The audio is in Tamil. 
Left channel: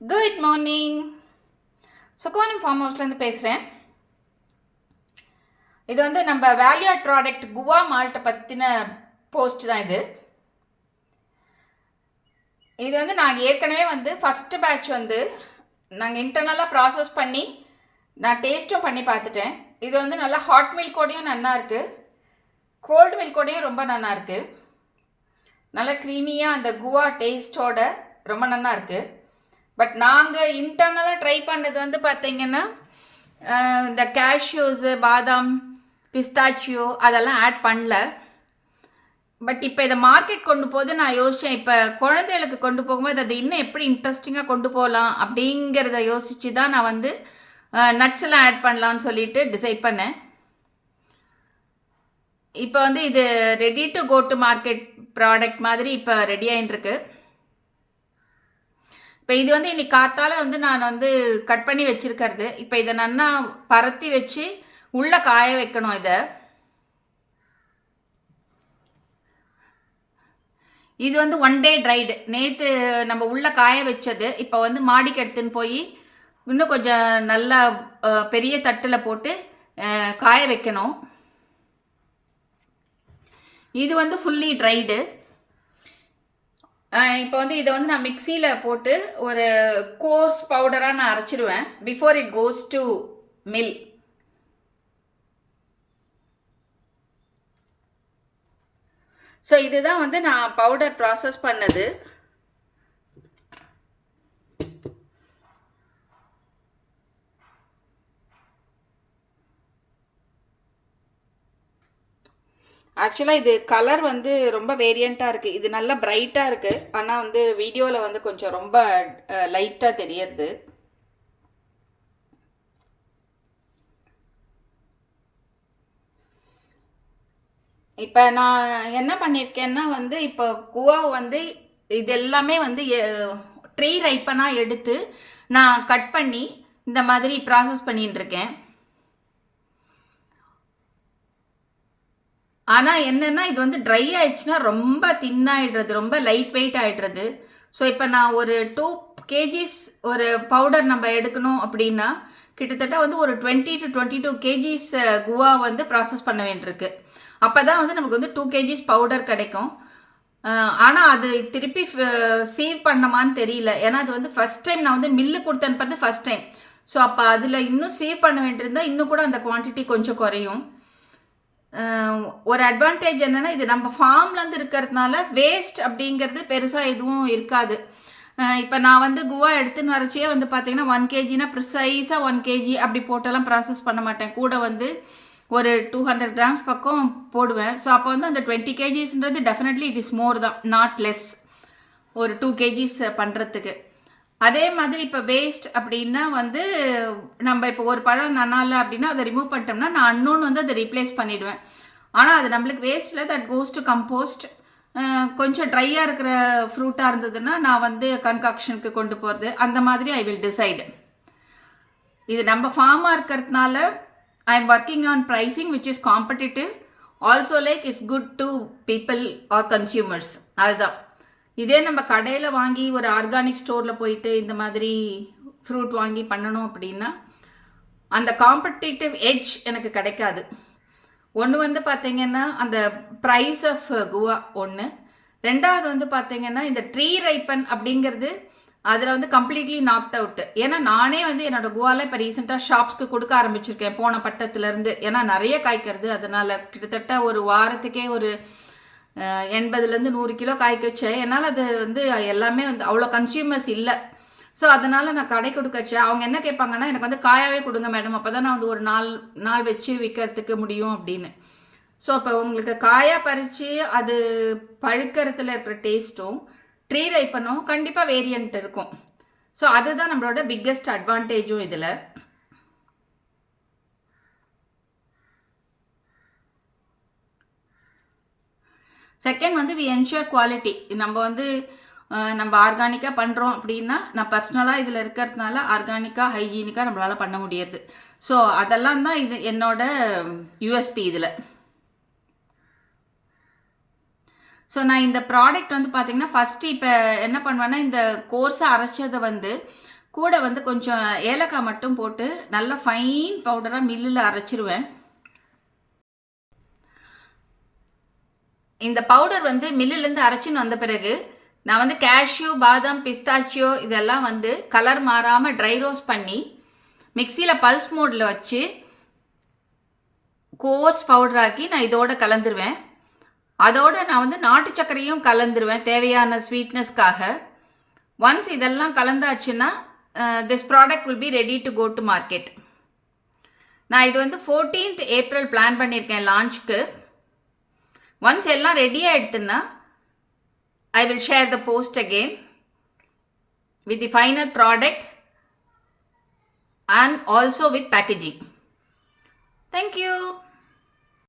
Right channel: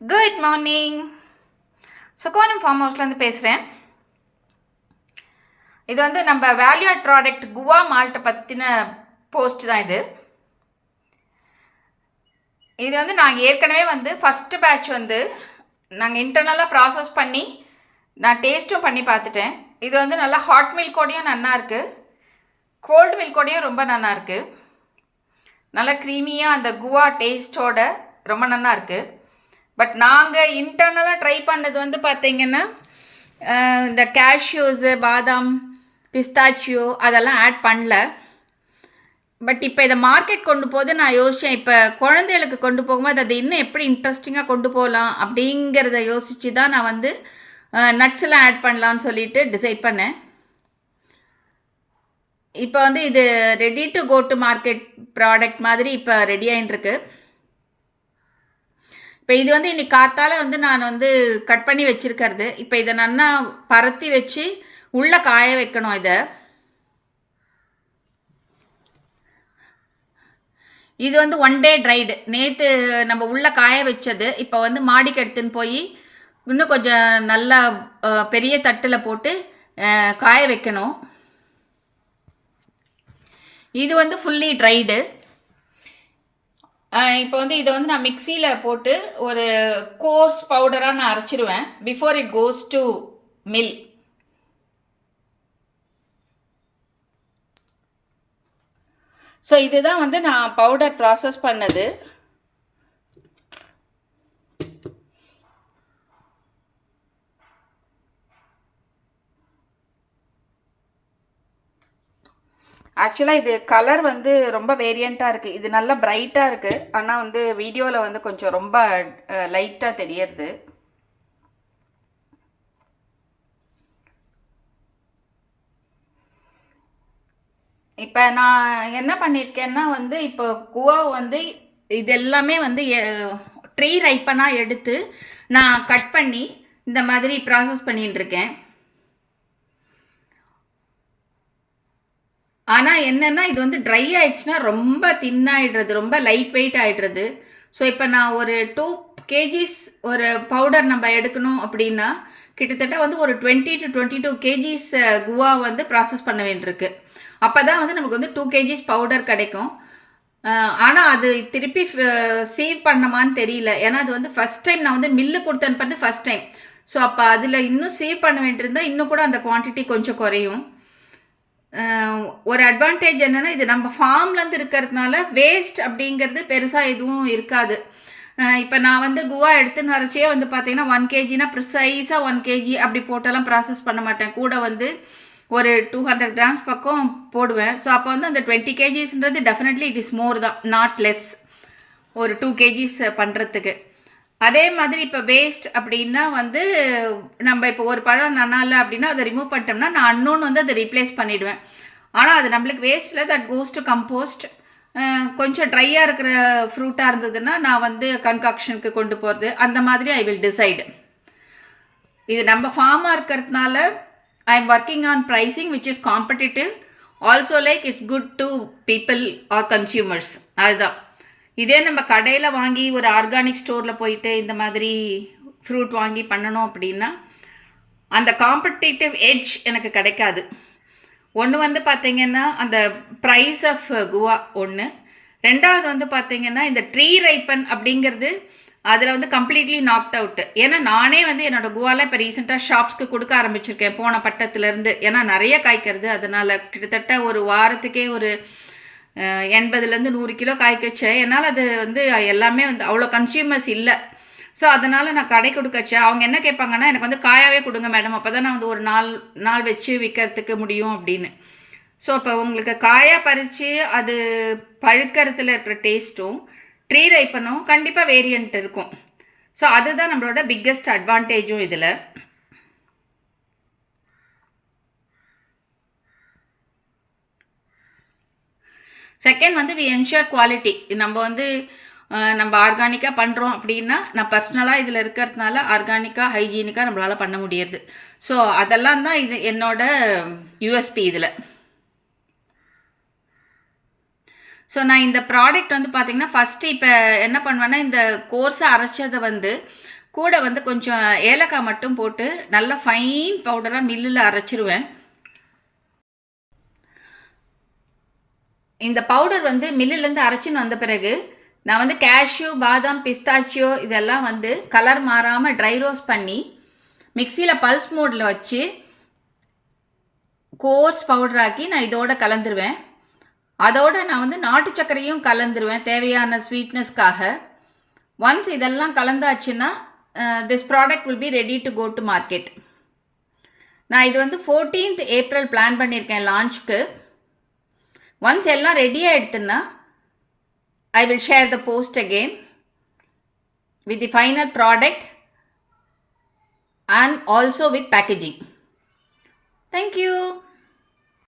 Good morning. சுகோனம் ஃபார்ம் ஹவுஸ்லேருந்து பேசுகிறேன். இது வந்து நம்ம வேல்யூ ஆட் ப்ராடக்ட் குவா மால்ட்டை பற்றின போஸ்ட் தான் இது. இது வந்து நாங்கள் ஏற்கனவே வந்து ஃபஸ்ட்டு பேட்ச் வந்து நாங்கள் இன்டர்னலாக ப்ராசஸ் பண்ணி நான் டேஸ்ட்டும் பண்ணி பார்த்துட்டேன். இது வந்து நல்லா ஹாட் மில்கோடையும் நல்லா இருக்குது, கோல்டு மில்கோடையும் ரொம்ப நல்லா இருக்குது. நல்லா க்ரீமியாக அந்த குவா டேஸ்ட்டோட ரொம்ப நல்லா இருக்குது. பட் நாங்கள் இன்டர்னலாக ட்ரை பண்ணது வந்து பார்த்திங்கன்னா இந்த கேஷ்யூஸு, பாதாம், பிஸ்தாச்சியோ அதெல்லாம் ஆட் பண்ணல. பட் இப்போ இதை மார்க்கெட் கொண்டு போது நான் யோசித்தேன், இப்போ குழந்தைகளுக்கு கொண்டு போகும்போது அதை இன்னும் எப்படி இன்ட்ரெஸ்டிங்காக கொண்டு போகலாம் அப்படிங்கிறத யோசித்து தான் நான் வந்து நட்ஸ் எல்லாம் ஆட் பண்ணலான்னு சொல்லிட்டு டிசைட் பண்ணேன். இப்போ வந்து இது ready to go to market product மாதிரி இப்போ ரெடி ஆகிட்டுருக்கு. இப்போ இது வந்து இன்னைக்கு காத்தால வந்து நான் வந்து கட் பண்ணி வச்சுருக்கிறது. இப்போ இதை நல்லா பரத்தி வச்சு உள்ளே காய வைக்கணும். இது வந்து 1 day ட்ரைடு. நேற்று நம்ம உள்ளே காய வச்சது இப்போ வந்து மாடிக்கு எடுத்துன்னு போய் இன்னும் கொஞ்சம் நல்லா பெரிய தட்டில் போட்டு காய வைக்கணும். இது வந்து ஃபுல்லி ட்ரைடு. இப்போ வந்து இதை வந்து நான் மிக்சியில் போட்டு ஒரு கோர்ஸ் பவுடராக நான் அரைச்சிடுவேன் before it goes to mill. So இதுதான் வந்து நான் பவுடர் ப்ராசஸ் பண்ணது. ஆக்சுவலாக இது கலர் வந்து ரொம்ப வேரியண்ட்டாக இருக்குது. இது நல்லா பிரைட்டாக இருக்குது, ஆனால் வந்து வீடியோவில் வந்து கொஞ்சம் ரொம்ப லைட்டாக தெரியறது. இப்போ நான் என்ன பண்ணியிருக்கேன்னா வந்து இப்போ குவா வந்து இது எல்லாமே வந்து ட்ரீ ரைப்பனாக எடுத்து நான் கட் பண்ணி இந்த மாதிரி ப்ராசஸ் பண்ணிட்டுருக்கேன். ஆனால் என்னென்னா இது வந்து ட்ரை ஆகிடுச்சுன்னா ரொம்ப தின்னாகிடுறது, ரொம்ப லைட் வெயிட் ஆகிடுறது. ஸோ இப்போ நான் ஒரு 2 kgs ஒரு பவுடர் நம்ம எடுக்கணும் அப்படின்னா கிட்டத்தட்ட வந்து ஒரு 20 to 22 kgs குவா வந்து ப்ராசஸ் பண்ண வேண்டியிருக்கு. அப்போ தான் வந்து நமக்கு வந்து 2 kgs பவுடர் கிடைக்கும். ஆனால் அது திருப்பி சேவ் பண்ணமான்னு தெரியல. ஏன்னா அது வந்து ஃபஸ்ட் டைம் நான் வந்து மில்லு கொடுத்து அனுப்புறது ஃபஸ்ட் டைம். ஸோ அப்போ அதில் இன்னும் சேவ் பண்ண வேண்டியிருந்தால் இன்னும் கூட அந்த குவான்டிட்டி கொஞ்சம் குறையும். ஒரு அட்வான்டேஜ் என்னென்னா இது நம்ம ஃபார்ம்லேருந்து இருக்கிறதுனால வேஸ்ட் அப்படிங்கிறது பெருசாக எதுவும் இருக்காது. இப்போ நான் வந்து குவா எடுத்துன்னு வரச்சே வந்து பார்த்திங்கன்னா 1 kgனா ப்ரிசைஸாக 1 kg அப்படி போட்டெல்லாம் ப்ராசஸ் பண்ண மாட்டேன். கூட வந்து ஒரு 200 grams பக்கம் போடுவேன். ஸோ அப்போ வந்து அந்த 20 kgsன்றது டெஃபினெட்லி இட் இஸ் மோர் தான், நாட் லெஸ், ஒரு 2 kgs பண்ணுறதுக்கு. அதே மாதிரி இப்போ வேஸ்ட் அப்படின்னா வந்து நம்ம இப்போ ஒரு பழம் நன்னால அப்படின்னா அதை ரிமூவ் பண்ணிட்டோம்னா நான் இன்னொன்று வந்து அதை ரீப்ளேஸ் பண்ணிவிடுவேன். ஆனால் அது நம்மளுக்கு வேஸ்ட்டில் தட் கோஸ் டு கம்போஸ்ட். கொஞ்சம் ட்ரையாக இருக்கிற ஃப்ரூட்டாக இருந்ததுன்னா நான் வந்து கன்காக்ஷனுக்கு கொண்டு போகிறது, அந்த மாதிரி ஐ வில் டிசைடு. இது நம்ம ஃபார்மாக இருக்கிறதுனால I am working on pricing which is competitive. Also like it's good to people are consumers. அதுதான். இதே நம்ம கடையில் வாங்கி ஒரு ஆர்கானிக் ஸ்டோரில் போயிட்டு இந்த மாதிரி ஃப்ரூட் வாங்கி பண்ணணும் அப்படின்னா அந்த காம்படிட்டிவ் எட்ஜ் எனக்கு கிடைக்காது. ஒன்று வந்து பார்த்திங்கன்னா அந்த ப்ரைஸ் ஆஃப் குவா ஒன்று, ரெண்டாவது வந்து பார்த்திங்கன்னா இந்த ட்ரீ ரைப்பன் அப்படிங்கிறது அதில் வந்து கம்ப்ளீட்லி நாக்ட் அவுட்டு. ஏன்னா நானே வந்து என்னோடய குவாவில் இப்போ ரீசெண்டாக ஷாப்ஸ்க்கு கொடுக்க ஆரம்பிச்சிருக்கேன் போன பட்டத்துலேருந்து. ஏன்னா நிறைய காய்க்கிறது, அதனால் கிட்டத்தட்ட ஒரு வாரத்துக்கே ஒரு 80 to 100 கிலோ காய்க்க வச்சேன். என்னால் அது வந்து எல்லாமே வந்து அவ்வளோ கன்சியூமர்ஸ் இல்லை. ஸோ அதனால் நான் கடை கொடுக்கச்சேன். அவங்க என்ன கேட்பாங்கன்னா, எனக்கு வந்து காயாகவே கொடுங்க மேடம், அப்போ தான் நான் வந்து ஒரு நாள் வச்சு விற்கிறதுக்கு முடியும் அப்படின்னு. ஸோ அப்போ உங்களுக்கு காயாக பறித்து அது பழுக்கிறதுல இருக்கிற டேஸ்ட்டும் ட்ரீ ரைப்பனும் கண்டிப்பாக வேரியண்ட் இருக்கும். ஸோ அதுதான் நம்மளோட பிக்கெஸ்ட் அட்வான்டேஜும் இதில். செகண்ட் வந்து வி என்ஷூர் குவாலிட்டி. நம்ம வந்து நம்ம ஆர்கானிக்காக பண்ணுறோம் அப்படின்னா நான் பர்சனலாக இதில் இருக்கிறதுனால ஆர்கானிக்காக ஹைஜீனிக்காக நம்மளால் பண்ண முடியாது. ஸோ அதெல்லாம் தான் இது என்னோட யூஎஸ்பி இதில். ஸோ நான் இந்த ப்ராடக்ட் வந்து பார்த்திங்கன்னா ஃபஸ்ட்டு இப்போ என்ன பண்ணுவேன்னா இந்த கோர்ஸை அரைச்சதை வந்து கூட வந்து கொஞ்சம் ஏலக்காய் மட்டும் போட்டு நல்லா ஃபைன் பவுடராக மில்லில் அரைச்சிருவேன். இந்த பவுடர் வந்து மில்லுலேருந்து அரைச்சின்னு வந்த பிறகு நான் வந்து கேஷ்யூ, பாதாம், பிஸ்தாச்சியோ இதெல்லாம் வந்து கலர் மாறாமல் ட்ரை ரோஸ்ட் பண்ணி மிக்சியில் பல்ஸ் மோடில் வச்சு கோர்ஸ் பவுடராக்கி நான் இதோட கலந்துருவேன். அதோடு நான் வந்து நாட்டு சர்க்கரையும் கலந்துருவேன் தேவையான ஸ்வீட்னஸ்க்காக. ஒன்ஸ் இதெல்லாம் கலந்தாச்சுன்னா this product will be ready to go to market. நான் இது வந்து 14th April பிளான் பண்ணியிருக்கேன் லான்ச்சுக்கு. ஒன்ஸ் எல்லாம் ரெடி ஆகிடுதுன்னா I will share the post again with the final product and also with packaging. Thank you.